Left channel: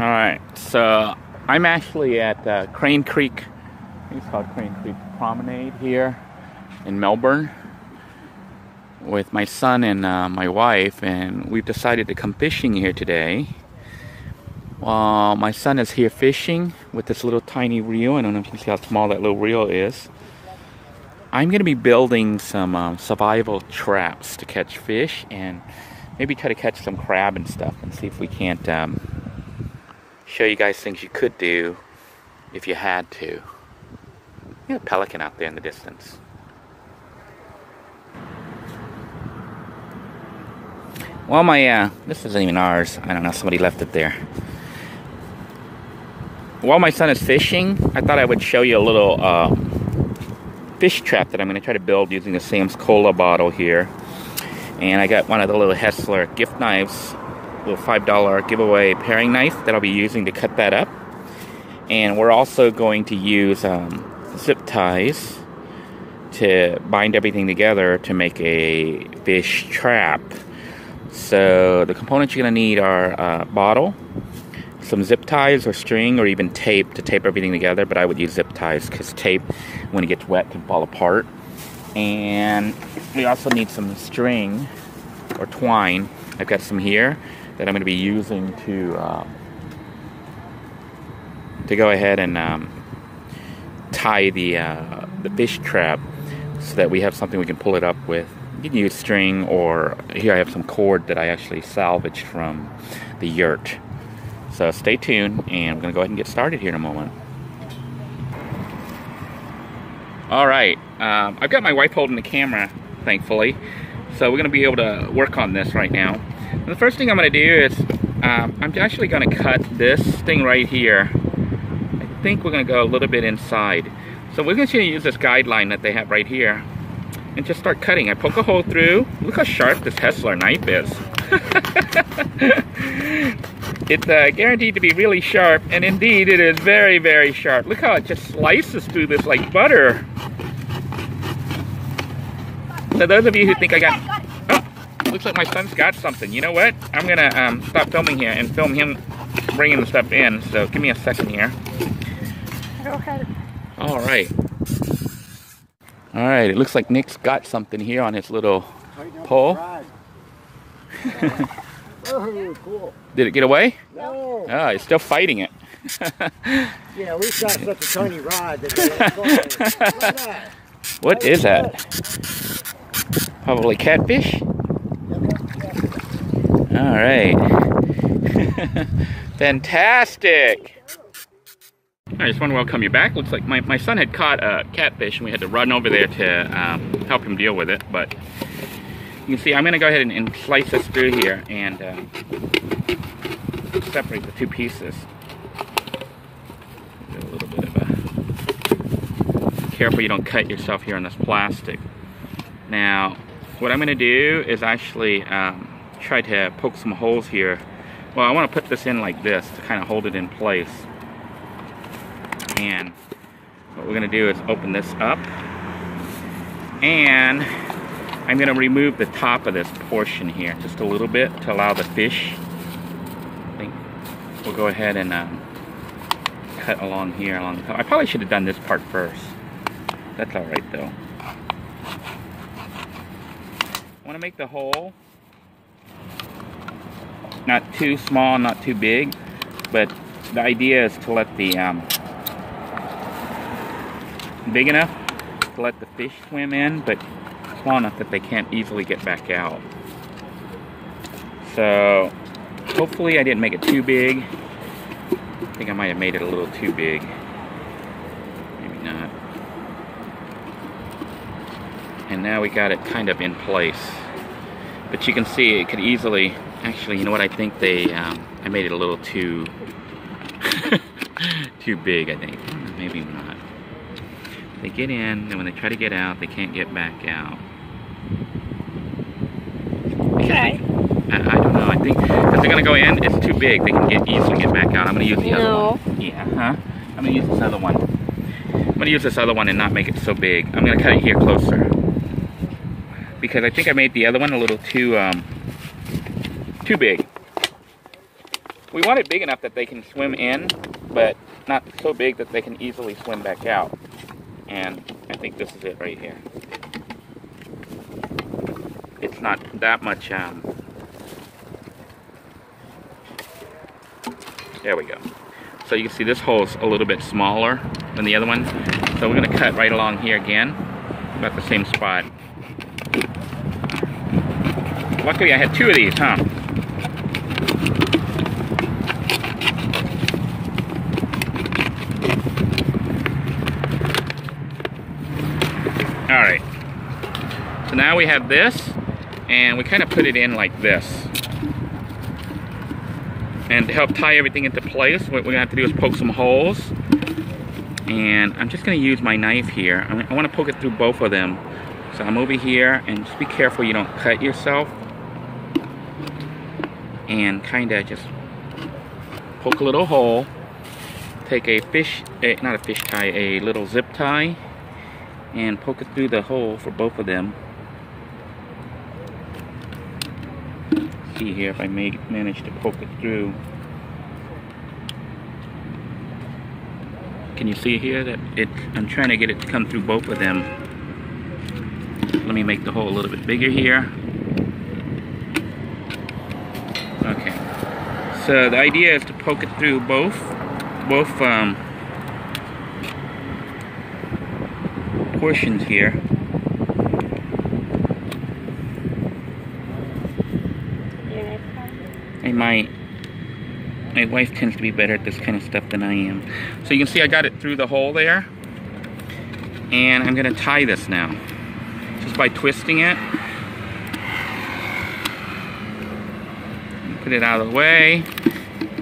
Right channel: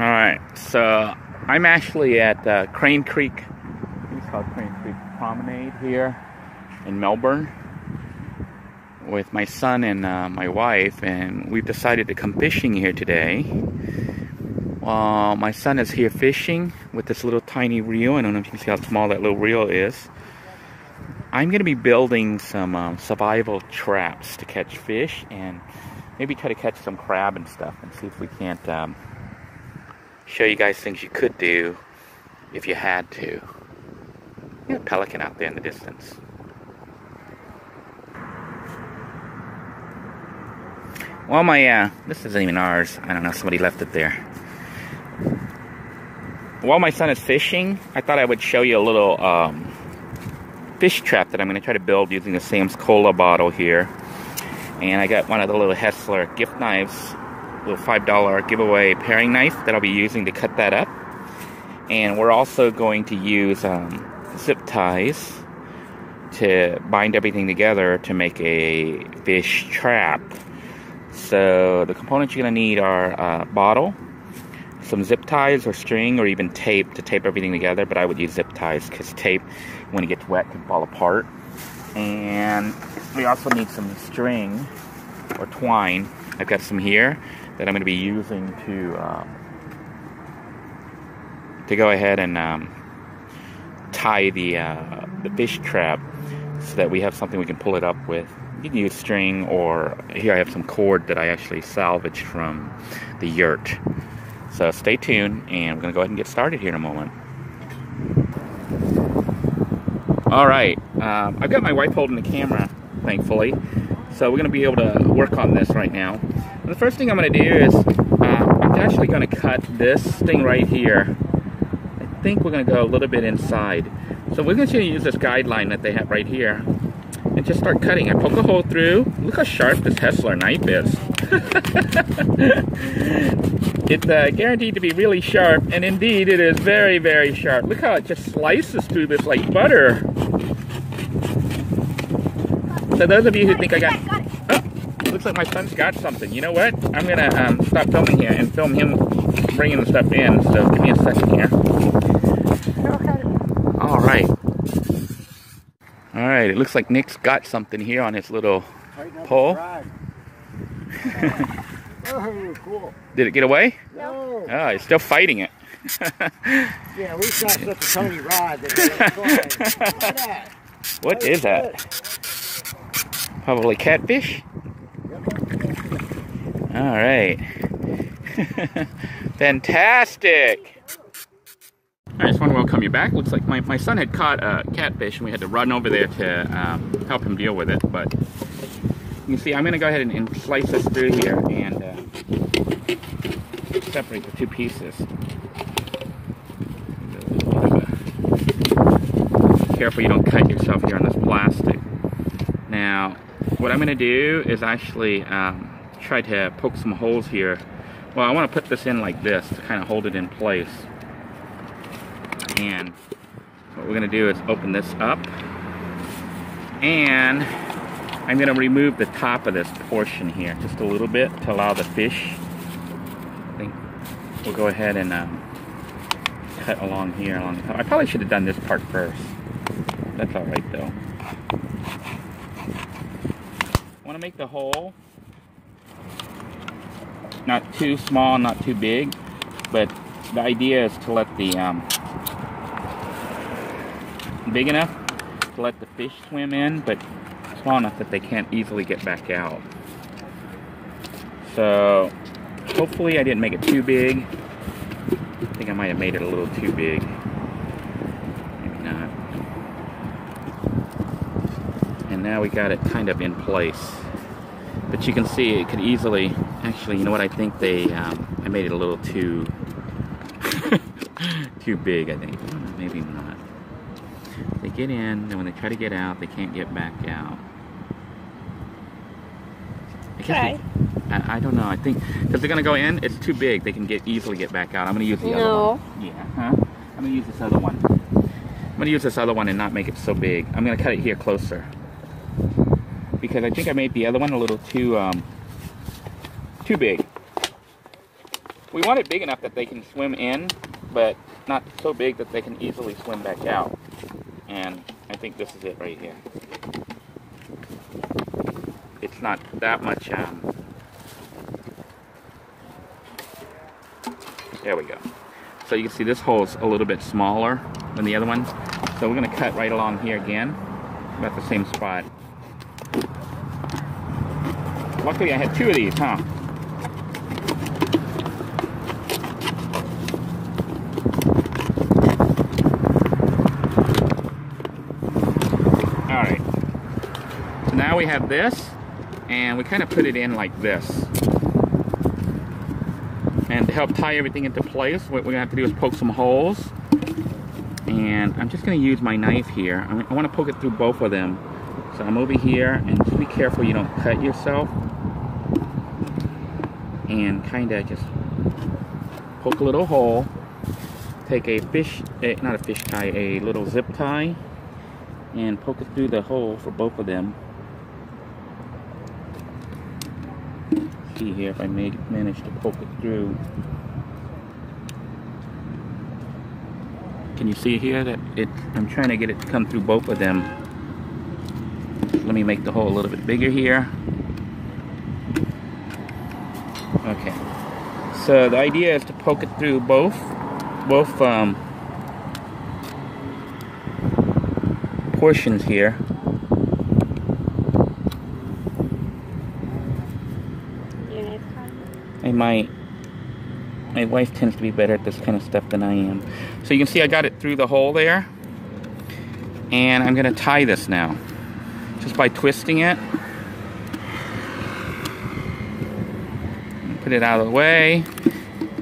Alright, so I'm actually at Crane Creek. It's called Crane Creek Promenade here in Melbourne with my son and my wife, and we've decided to come fishing here today. My son is here fishing with this little tiny reel. I don't know if you can see how small that little reel is. I'm going to be building some survival traps to catch fish and maybe try to catch some crab and stuff, and see if we can't show you guys things you could do if you had to. There's a pelican out there in the distance. Well, this isn't even ours. I don't know, somebody left it there. While my son is fishing, I thought I would show you a little fish trap that I'm going to try to build using the Sam's Cola bottle here. And I got one of the little Hessler gift knives, little $5 giveaway paring knife that I'll be using to cut that up. And we're also going to use zip ties to bind everything together to make a fish trap. So the components you're going to need are a bottle, some zip ties or string, or even tape to tape everything together, but I would use zip ties because tape, when it gets wet, can fall apart. And we also need some string or twine. I've got some here that I'm going to be using to go ahead and tie the fish trap so that we have something we can pull it up with. You can use string, or here I have some cord that I actually salvaged from the yurt. So stay tuned, and I'm going to go ahead and get started here in a moment. Alright, I've got my wife holding the camera, thankfully. So we're going to be able to work on this right now. And the first thing I'm going to do is, I'm actually going to cut this thing right here. I think we're going to go a little bit inside. So we're going to use this guideline that they have right here and just start cutting. I poke a hole through. Look how sharp this Hessler knife is. It's guaranteed to be really sharp, and indeed it is very, very sharp. Look how it just slices through this like butter. So those of you who think I got... Oh, looks like my son's got something. You know what? I'm going to stop filming here and film him bringing the stuff in. So give me a second here. Okay. Alright. Alright, it looks like Nick's got something here on his little pole. Oh, cool. Did it get away? No. Oh, it's still fighting it. Yeah, we got such a tiny rod that What is that? Probably catfish? Alright. Fantastic! I just want to welcome you back. Looks like my son had caught a catfish and we had to run over there to help him deal with it. But you can see I'm going to go ahead and slice this through here and separate the two pieces. Careful you don't cut yourself here on this plastic. Now, what I'm going to do is actually try to poke some holes here. Well, I want to put this in like this to kind of hold it in place. And what we're going to do is open this up, and I'm going to remove the top of this portion here just a little bit to allow the fish. I think we'll go ahead and cut along here along the top. I probably should have done this part first. That's all right though. I want to make the hole not too small, not too big, but the idea is to let the big enough to let the fish swim in, but small enough that they can't easily get back out. So hopefully I didn't make it too big. I think I might have made it a little too big. Maybe not. And now we got it kind of in place. But you can see it could easily, actually, you know what, I think I made it a little too too big, I think. Maybe not. They get in, and when they try to get out, they can't get back out. Okay. I don't know. I think because they're gonna go in, it's too big. They can easily get back out. I'm gonna use the other one. Yeah, huh? I'm gonna use this other one. I'm gonna use this other one and not make it so big. I'm gonna cut it here closer because I think I made the other one a little too big. We want it big enough that they can swim in, but not so big that they can easily swim back out. And I think this is it right here. It's not that much, there we go. So you can see this hole's a little bit smaller than the other one. So we're gonna cut right along here again, about the same spot. Luckily I had 2 of these, huh? Alright. So now we have this, and we kind of put it in like this. And to help tie everything into place, what we're gonna have to do is poke some holes. And I'm just gonna use my knife here. I wanna poke it through both of them. So I'm over here, and just be careful you don't cut yourself. And kinda just poke a little hole. Take a not a fish tie, a little zip tie. And poke it through the hole for both of them. See here if I manage to poke it through. Can you see here that I'm trying to get it to come through both of them. Let me make the hole a little bit bigger here. Okay. So the idea is to poke it through both portions here. My wife tends to be better at this kind of stuff than I am. So you can see I got it through the hole there. And I'm gonna tie this now. Just by twisting it. Put it out of the way.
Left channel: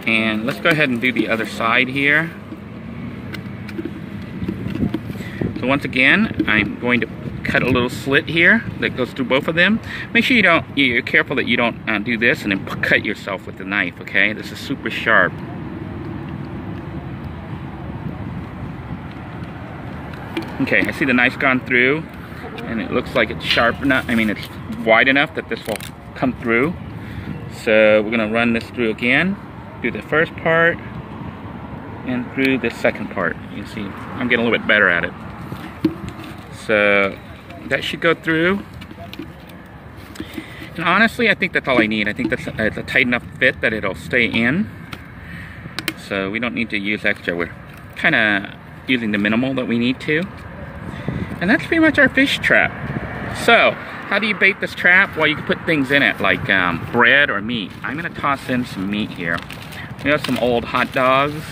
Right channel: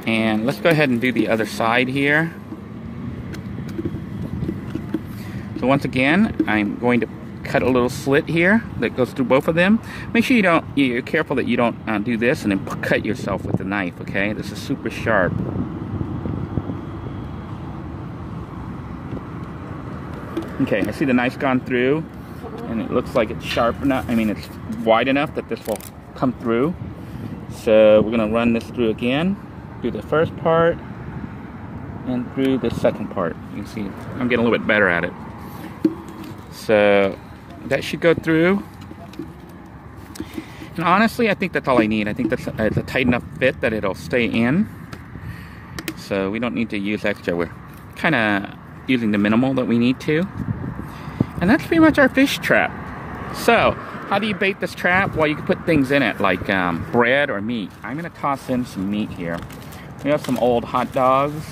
And let's go ahead and do the other side here. So once again, I'm going to cut a little slit here that goes through both of them. Make sure you're careful that you don't do this and then cut yourself with the knife, okay? This is super sharp. Okay, I see the knife gone through, and it looks like it's sharp enough, it's wide enough that this will come through. So we're gonna run this through again, do the first part, and through the second part. You can see, I'm getting a little bit better at it. So that should go through. And honestly, I think that's all I need. I think that's a tight enough fit that it'll stay in. So we don't need to use extra. We're kind of using the minimal that we need to. And that's pretty much our fish trap. So how do you bait this trap? Well, you can put things in it like bread or meat. I'm gonna toss in some meat here. We have some old hot dogs.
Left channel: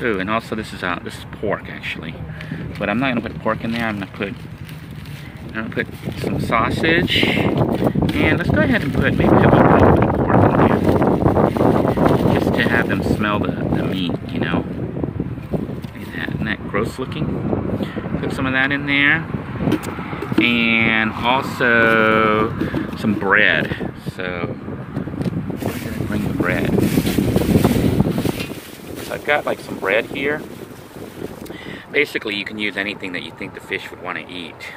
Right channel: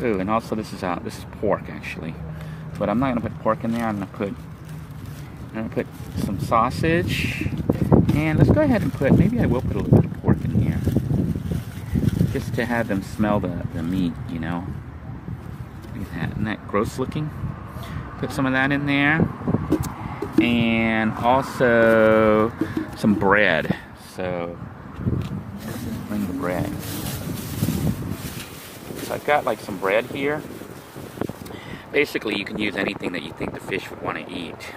Ooh, and also this is pork actually. But I'm not gonna put pork in there. I'm gonna put some sausage. And let's go ahead and put maybe a little bit of pork in there. Just to have them smell the meat, you know. Look at that. Isn't that gross looking? Put some of that in there. And also some bread. So I'm gonna bring the bread. So I've got like some bread here. Basically, you can use anything that you think the fish would want to eat.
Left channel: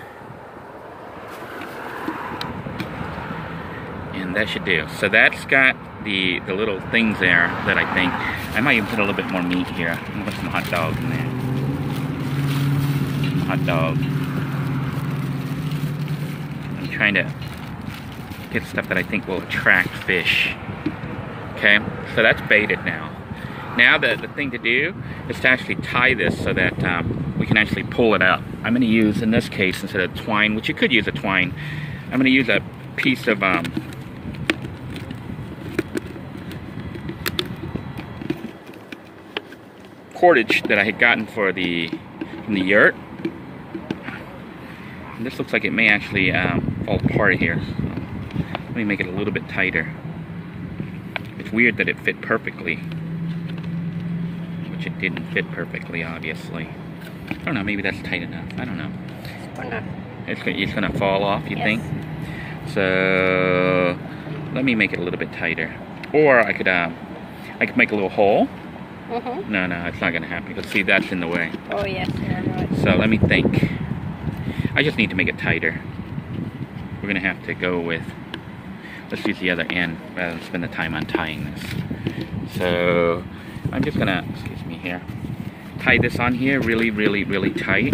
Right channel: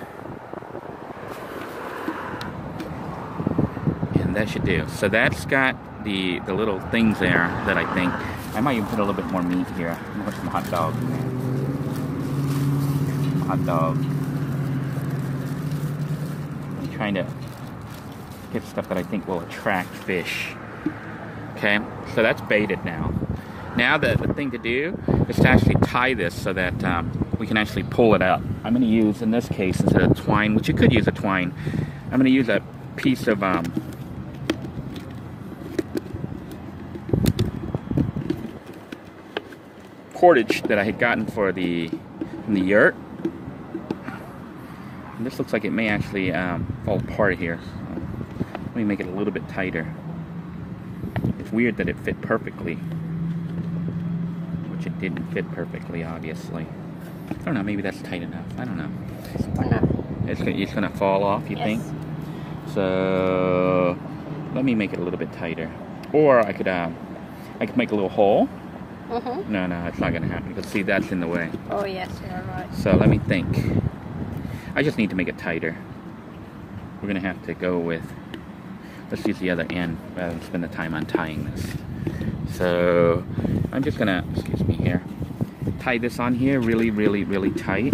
And that should do. So that's got the little things there that I think. I might even put a little bit more meat here. I'm gonna put some hot dog in there. Some hot dog. I'm trying to get stuff that I think will attract fish. Okay, so that's baited now. Now the thing to do is to actually tie this so that we can actually pull it up. I'm going to use, in this case, instead of twine, which you could use a twine, I'm going to use a piece of cordage that I had gotten from the yurt. And this looks like it may actually fall apart here. So let me make it a little bit tighter. It's weird that it fit perfectly. It didn't fit perfectly, obviously. I don't know, maybe that's tight enough. I don't know. It's gonna fall off, you think? So let me make it a little bit tighter. Or I could make a little hole. No, it's not gonna happen. Because see, that's in the way. Oh yes, you're right. So let me think. I just need to make it tighter. We're gonna have to go with, let's use the other end rather than spend the time untying this. So I'm just gonna, excuse me here, tie this on here really, really, really tight.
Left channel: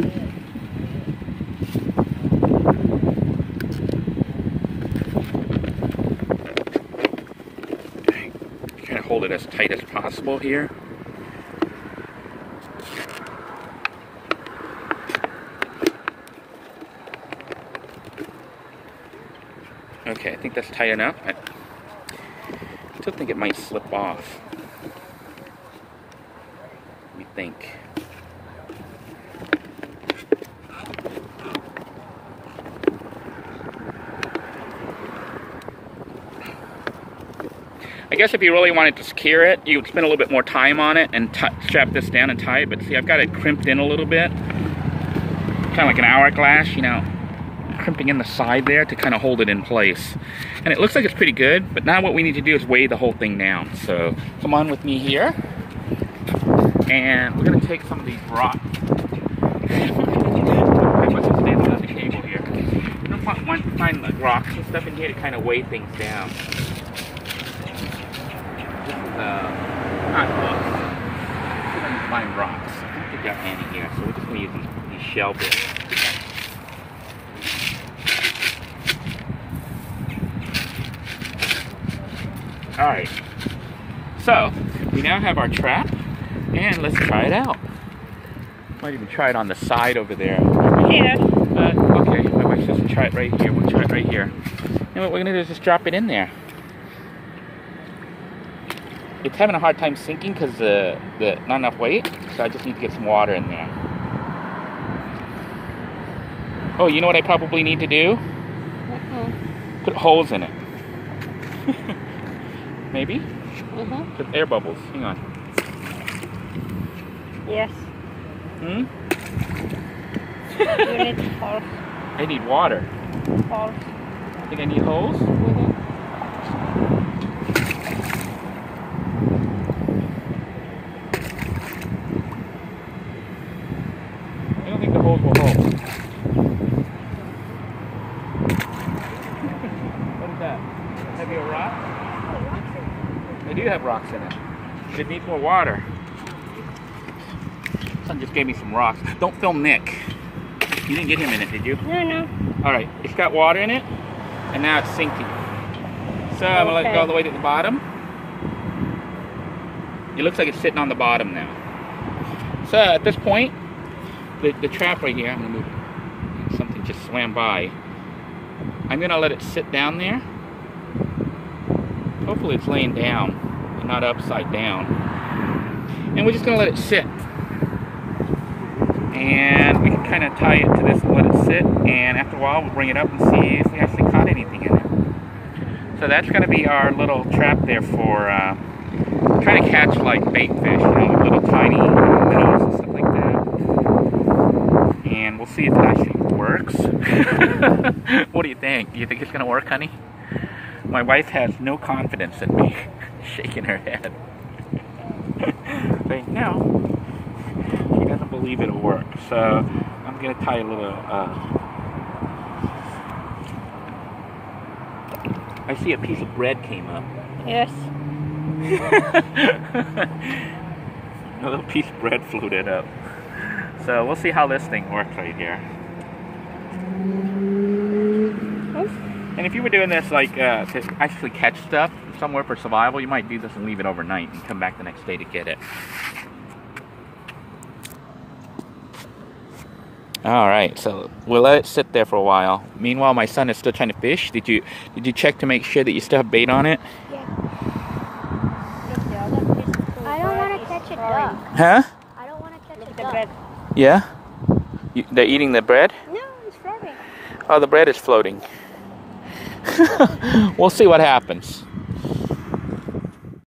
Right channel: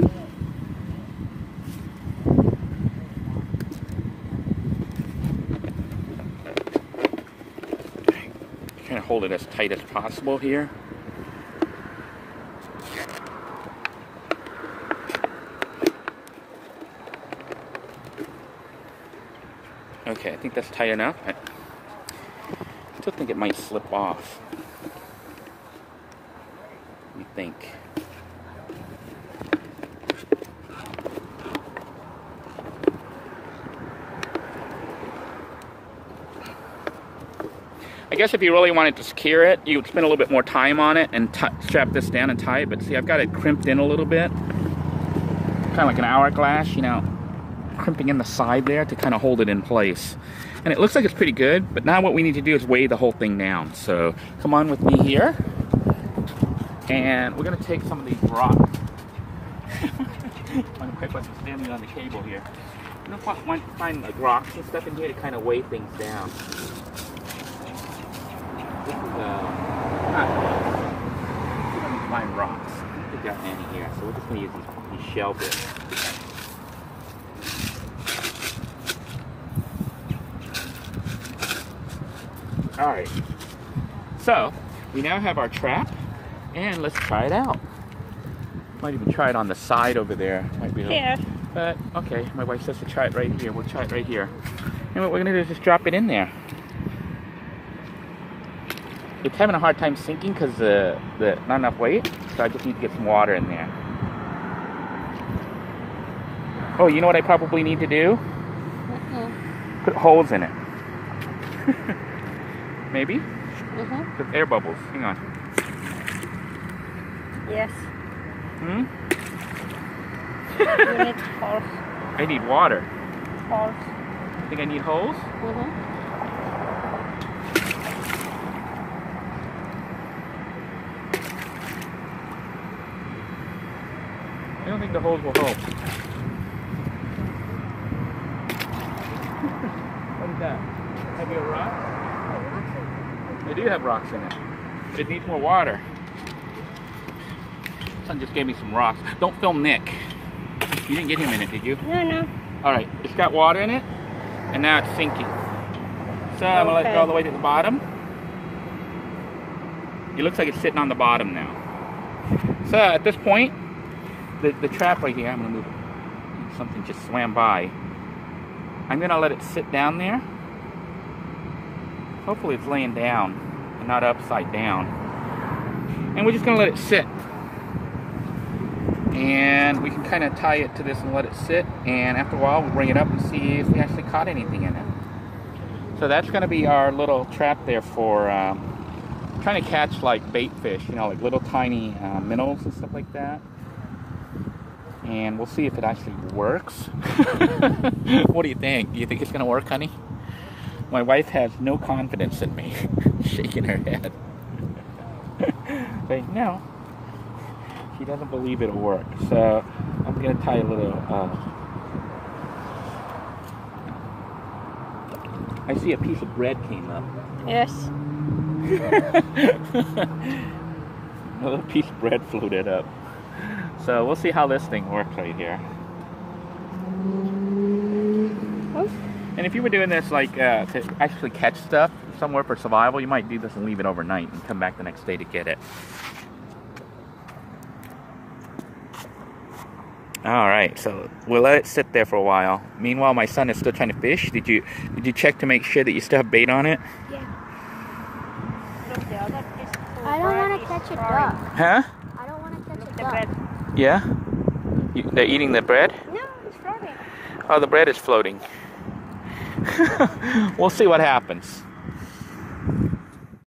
Trying to hold it as tight as possible here. Okay, I think that's tight enough. I still think it might slip off. Let me think. I guess if you really wanted to secure it, you would spend a little bit more time on it and strap this down and tie it. But see, I've got it crimped in a little bit. Kind of like an hourglass, you know, crimping in the side there to kind of hold it in place. And it looks like it's pretty good, but now what we need to do is weigh the whole thing down. So come on with me here. And we're going to take some of these rocks. What's standing on the table here? We're going to find like rocks and stuff in here to kind of weigh things down. This is not close. We're going to find rocks. I think we've got any here, so we're just going to use these shell bits. Alright, so we now have our trap, and let's try it out. Might even try it on the side over there. Yeah. Okay, my wife says to try it right here. We'll try it right here. And what we're going to do is just drop it in there. It's having a hard time sinking because the not enough weight, so I just need to get some water in there. Oh, you know what I probably need to do? Put holes in it. Maybe? With air bubbles. Hang on. Yes. Hmm? You need holes. I need water. Holes. You think I need holes? I don't think the holes will hold. What is that? Have you a rock? They do have rocks in it. It needs more water. Son just gave me some rocks. Don't film Nick. You didn't get him in it, did you? No. Alright, it's got water in it, and now it's sinking. So I'm going to let it go all the way to the bottom. It looks like it's sitting on the bottom now. So at this point, the trap right here, I'm going to move it. Something just swam by. I'm going to let it sit down there. Hopefully it's laying down and not upside down. And we're just going to let it sit. And we can kind of tie it to this and let it sit. And after a while, we'll bring it up and see if we actually caught anything in it. So that's going to be our little trap there for trying to catch like bait fish, you know, little tiny minnows and stuff like that. And we'll see if it actually works. What do you think? Do you think it's going to work, honey? My wife has no confidence in me. Shaking her head. Saying no. She doesn't believe it'll work. So I'm going to tie a little... I see a piece of bread came up. Yes. A little piece of bread floated up. So we'll see how this thing works right here. And if you were doing this like to actually catch stuff somewhere for survival, you might do this and leave it overnight and come back the next day to get it. Alright, so we'll let it sit there for a while. Meanwhile, my son is still trying to fish. Did you check to make sure that you still have bait on it? Yeah. I don't want to catch it though. Huh? I don't want to catch it though. Yeah? They're eating the bread? No, it's floating. Oh, the bread is floating. We'll see what happens.